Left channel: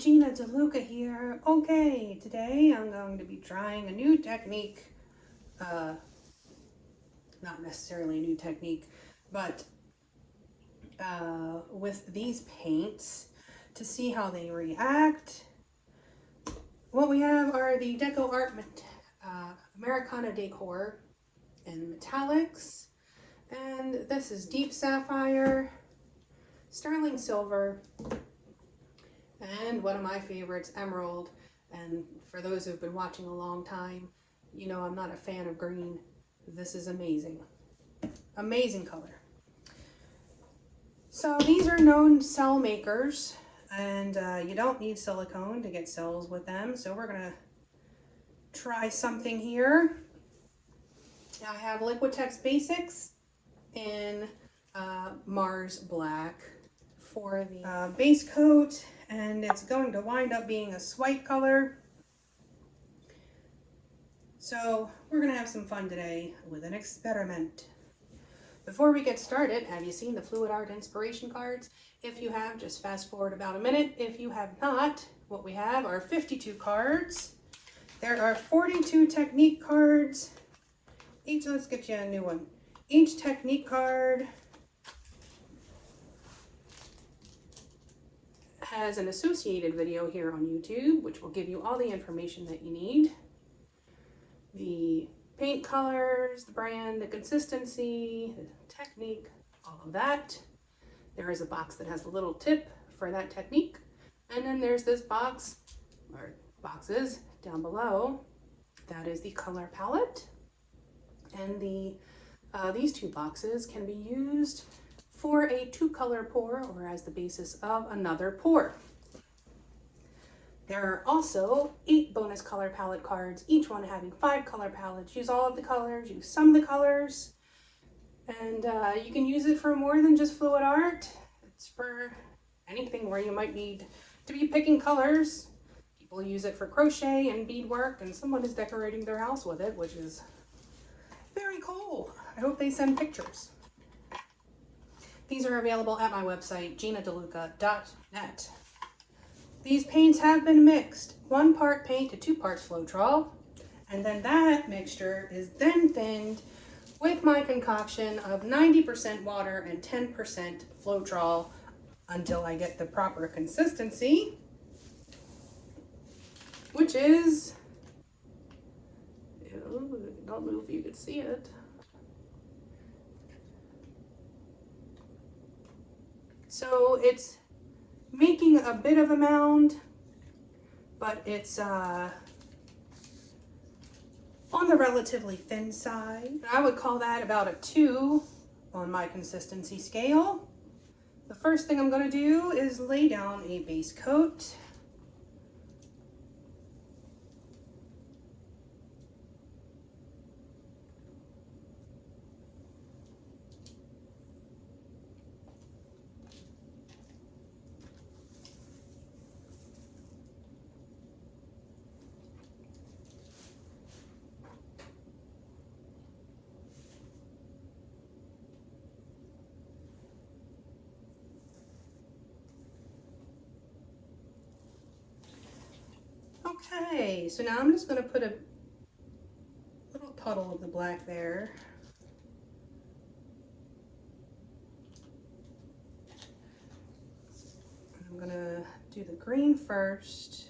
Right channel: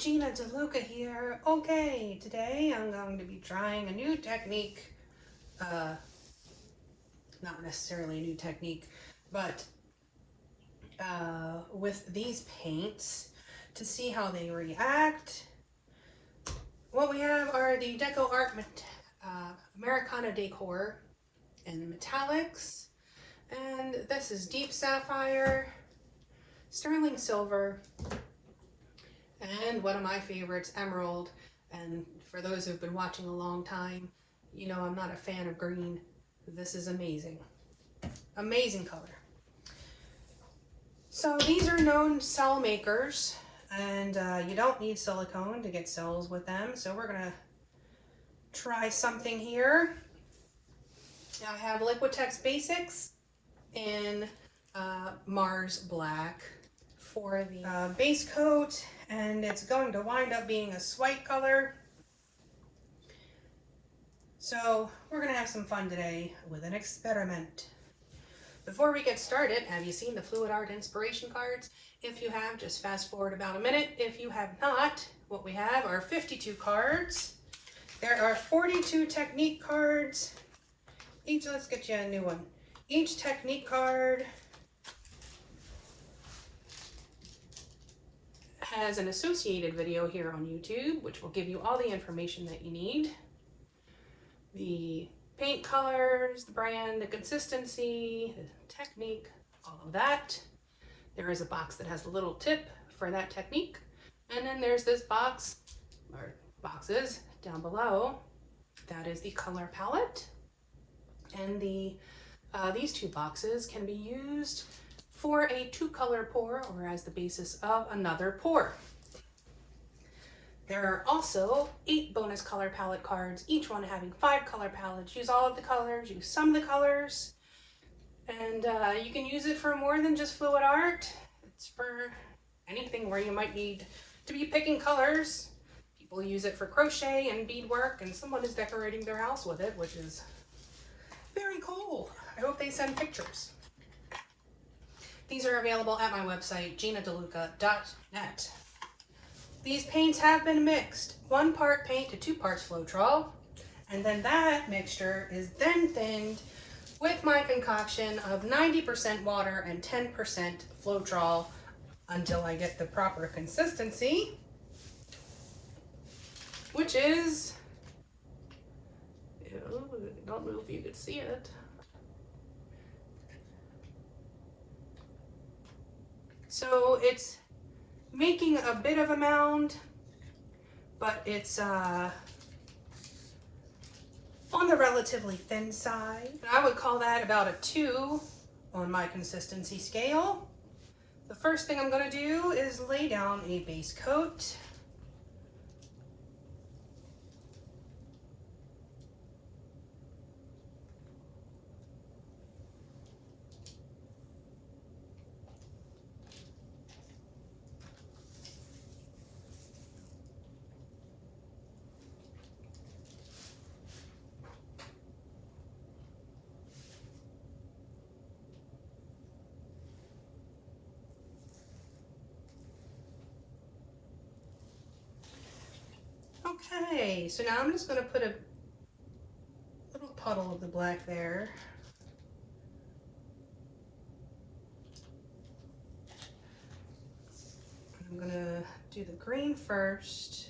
Gina DeLuca here. Okay, today I'm going to be trying a new technique. Not necessarily a new technique, but with these paints to see how they react. What we have are the DecoArt Americana Decor and Metallics, and this is Deep Sapphire, Sterling Silver, and one of my favorites, Emerald. And for those who've been watching a long time, you know I'm not a fan of green. This is amazing. Amazing color. So these are known cell makers, and you don't need silicone to get cells with them. So we're gonna try something here. I have Liquitex Basics in Mars Black for the base coat, and it's going to wind up being a white color. So we're gonna have some fun today with an experiment. Before we get started, have you seen the Floetrol inspiration cards? If you have, just fast forward about a minute. If you have not, what we have are 52 cards. There are 42 technique cards. Let's get you a new one. Each technique card has an associated video here on YouTube, which will give you all the information that you need. The paint colors, the brand, the consistency, the technique, all of that. There is a box that has a little tip for that technique. And then there's this box, or boxes, down below. That is the color palette. And these two boxes can be used for a 2-color pour or as the basis of another pour. There are also 8 bonus color palette cards, each one having 5 color palettes. Use all of the colors, use some of the colors, and you can use it for more than just fluid art. It's for anything where you might need to be picking colors. People use it for crochet and beadwork, and someone is decorating their house with it, which is very cool. I hope they send pictures. These are available at my website, ginadeluca.net. These paints have been mixed. 1 part paint to 2 parts Floetrol, and then that mixture is then thinned with my concoction of 90% water and 10% Floetrol until I get the proper consistency, which is, I don't know if you could see it. So it's making a bit of a mound, but it's on the relatively thin side. I would call that about a 2 on my consistency scale. The first thing I'm going to do is lay down a base coat. Okay, so now I'm just going to put a little puddle of the black there. I'm going to do the green first.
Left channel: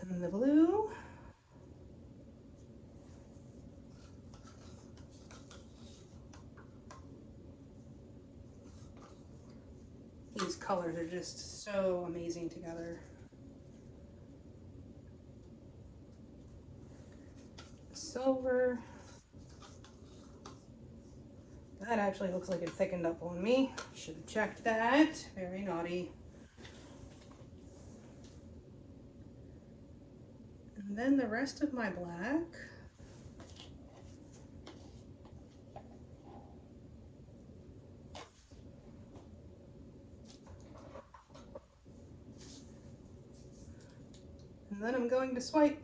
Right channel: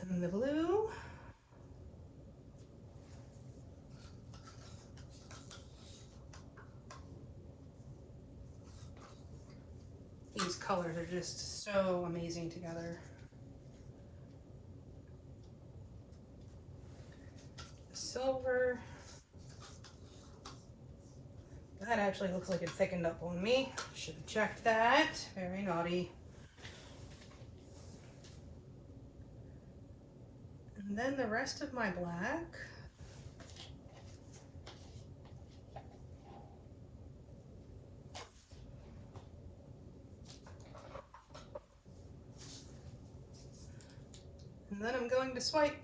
And then the blue. These colors are just so amazing together. Silver. That actually looks like it thickened up on me. Should have checked that. Very naughty. And then the rest of my black. And then I'm going to swipe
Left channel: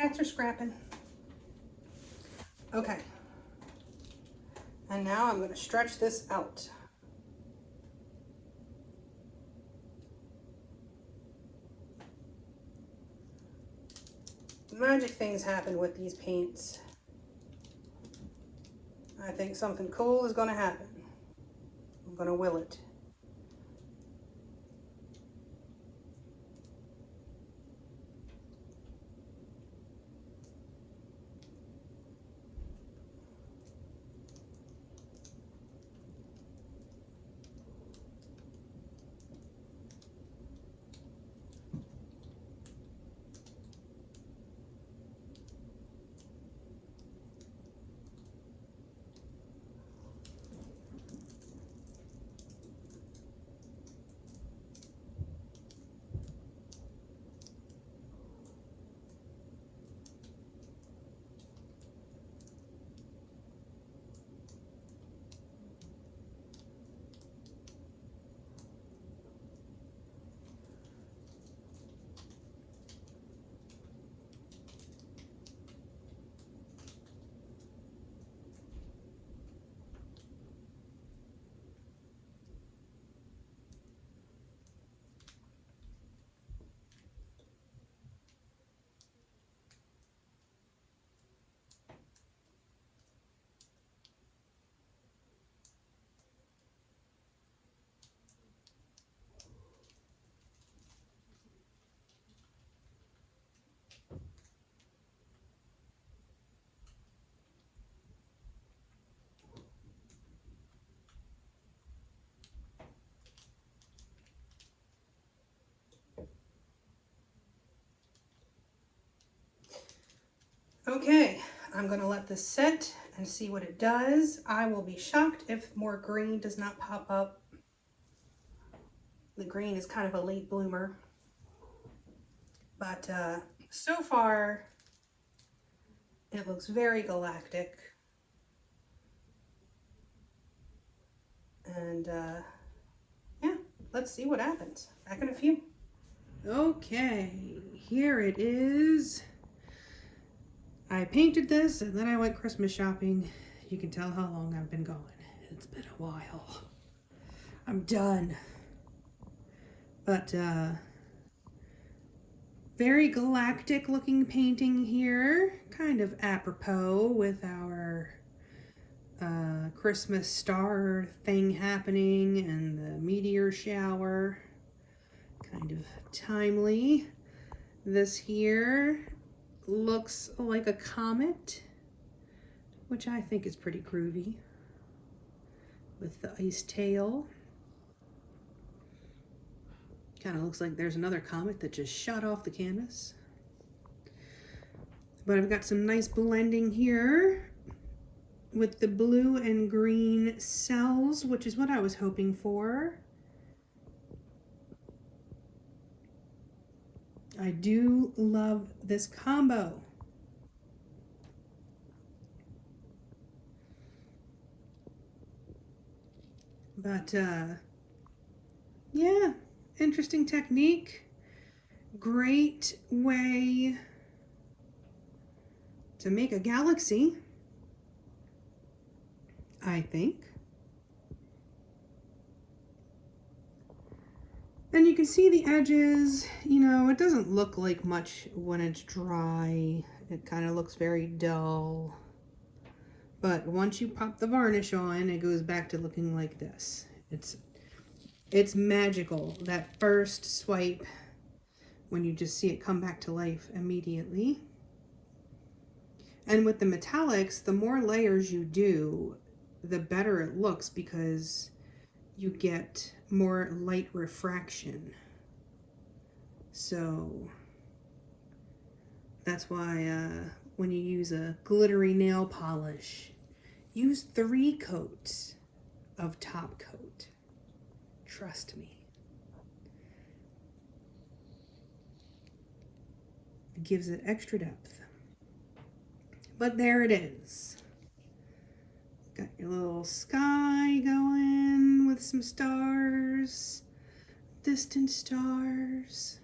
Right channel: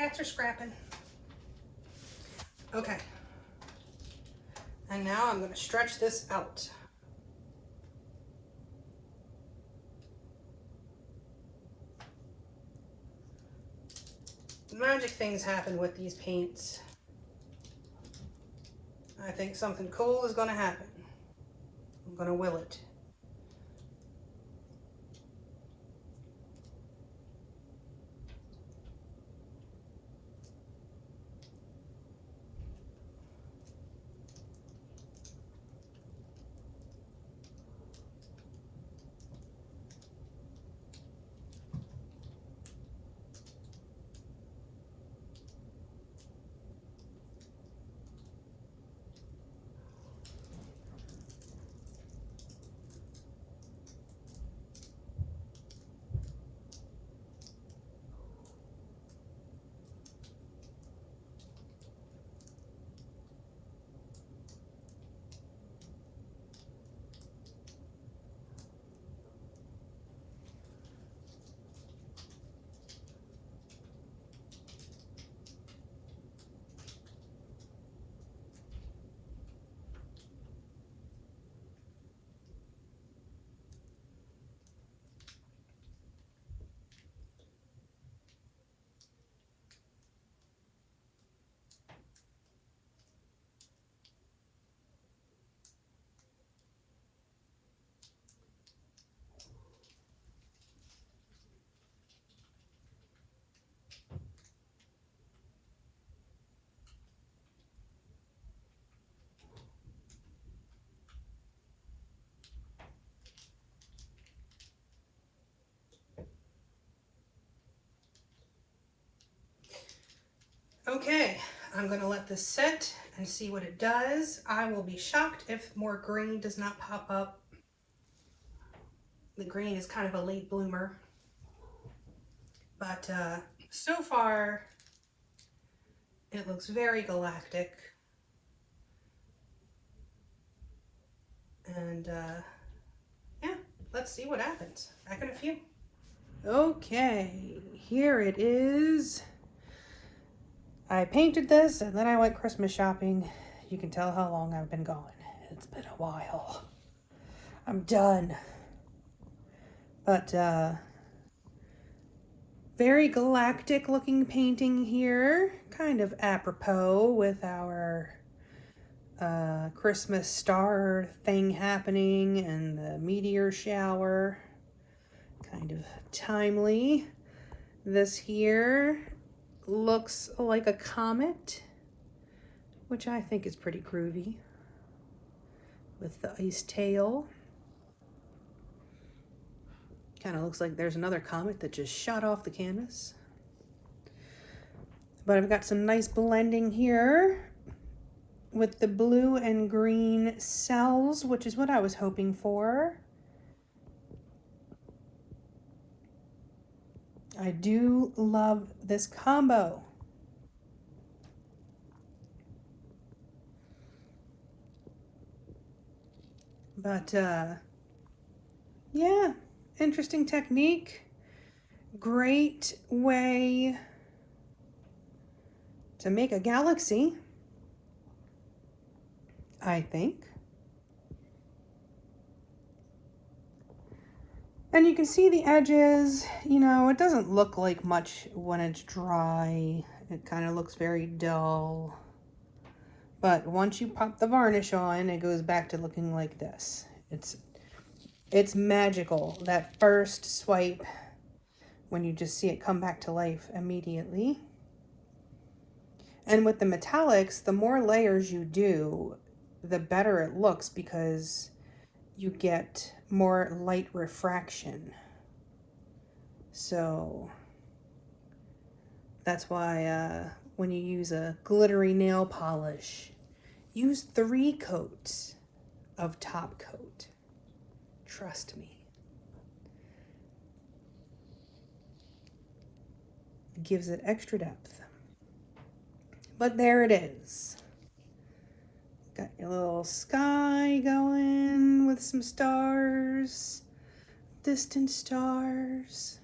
Cats are scrapping. Okay. And now I'm going to stretch this out. Magic things happen with these paints. I think something cool is going to happen. I'm going to will it. Okay, I'm going to let this sit and see what it does. I will be shocked if more green does not pop up. The green is kind of a late bloomer. But so far, it looks very galactic. And yeah, let's see what happens. Back in a few. Okay, here it is. I painted this and then I went Christmas shopping. You can tell how long I've been gone. It's been a while. I'm done. But very galactic looking painting here. Kind of apropos with our Christmas star thing happening and the meteor shower. Kind of timely. This here looks like a comet, which I think is pretty groovy, with the ice tail. Kind of looks like there's another comet that just shot off the canvas. But I've got some nice blending here with the blue and green cells, which is what I was hoping for. I do love this combo. But yeah, interesting technique. Great way to make a galaxy, I think. And you can see the edges, you know, it doesn't look like much when it's dry. It kind of looks very dull. But once you pop the varnish on, it goes back to looking like this. It's magical, that first swipe, when you just see it come back to life immediately. And with the metallics, the more layers you do, the better it looks, because you get more light refraction. So that's why when you use a glittery nail polish, use 3 coats of top coat. Trust me. It gives it extra depth. But there it is. Got your little sky going with some stars, distant stars,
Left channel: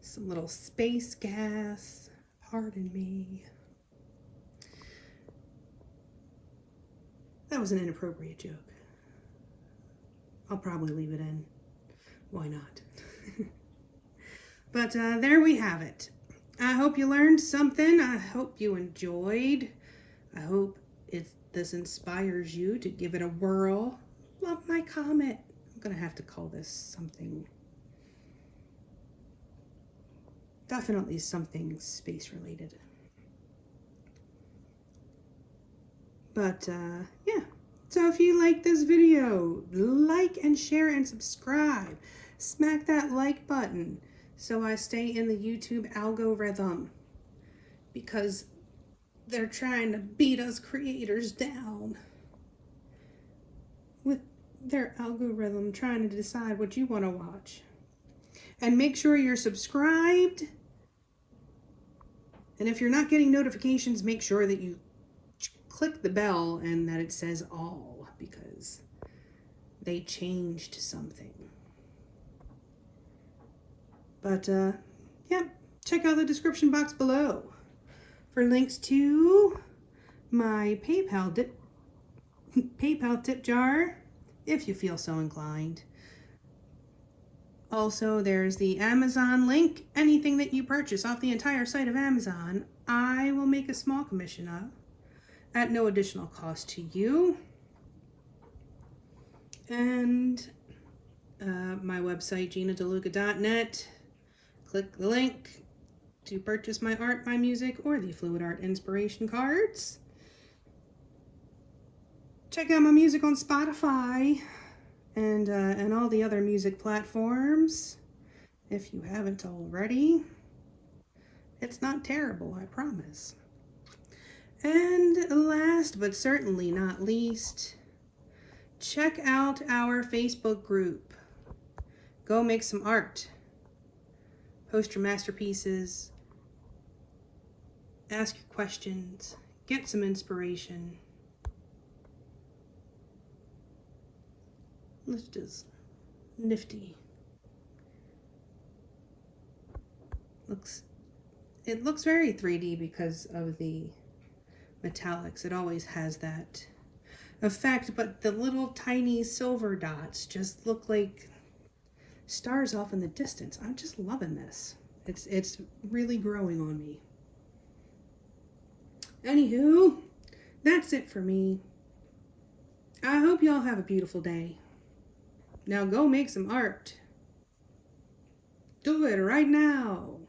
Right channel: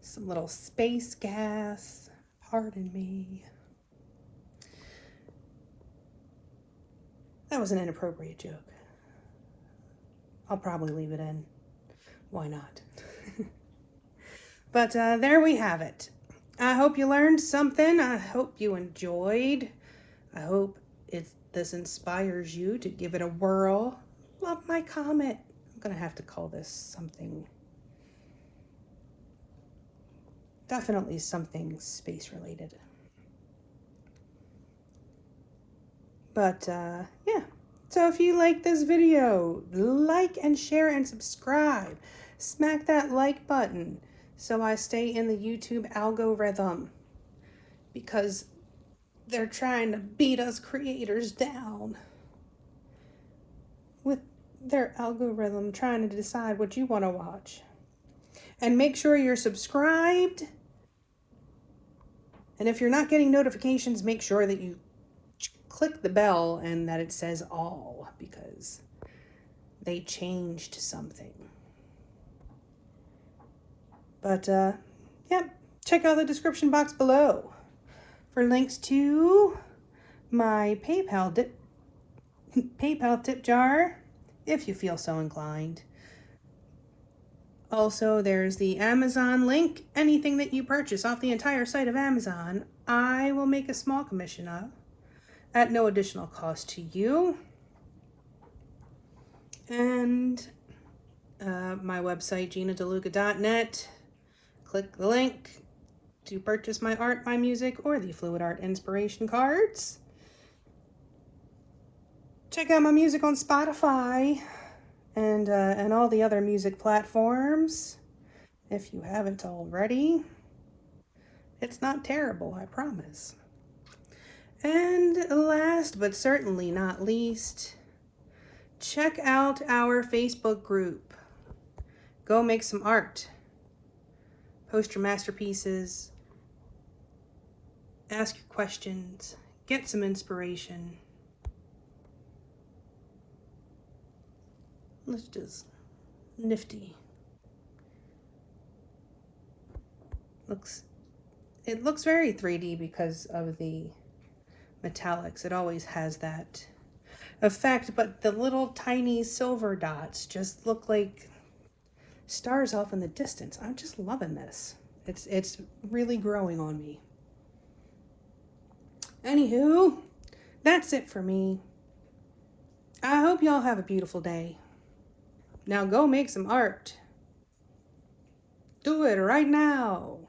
some little space gas Pardon me. That was an inappropriate joke. I'll probably leave it in. Why not? But there we have it. I hope you learned something. I hope you enjoyed. I hope this inspires you to give it a whirl. Love my comment. I'm going to have to call this something. Definitely something space related. But yeah. So if you like this video, like and share and subscribe. Smack that like button so I stay in the YouTube algorithm, because they're trying to beat us creators down with their algorithm, trying to decide what you want to watch. And make sure you're subscribed. And if you're not getting notifications, make sure that you click the bell and that it says all, because they changed something. But yeah, check out the description box below for links to my PayPal tip jar, if you feel so inclined. Also, there's the Amazon link. Anything that you purchase off the entire site of Amazon, I will make a small commission of at no additional cost to you. And my website, GinaDeLuca.net. Click the link to purchase my art, my music, or the Fluid Art inspiration cards. Check out my music on Spotify and all the other music platforms, if you haven't already. It's not terrible, I promise. And last but certainly not least, check out our Facebook group. Go make some art. Post your masterpieces. Ask your questions. Get some inspiration. Let's just nifty. It looks very 3D because of the metallics. It always has that effect, but the little tiny silver dots just look like stars off in the distance. I'm just loving this. It's really growing on me. Anywho, that's it for me. I hope y'all have a beautiful day. Now go make some art. Do it right now.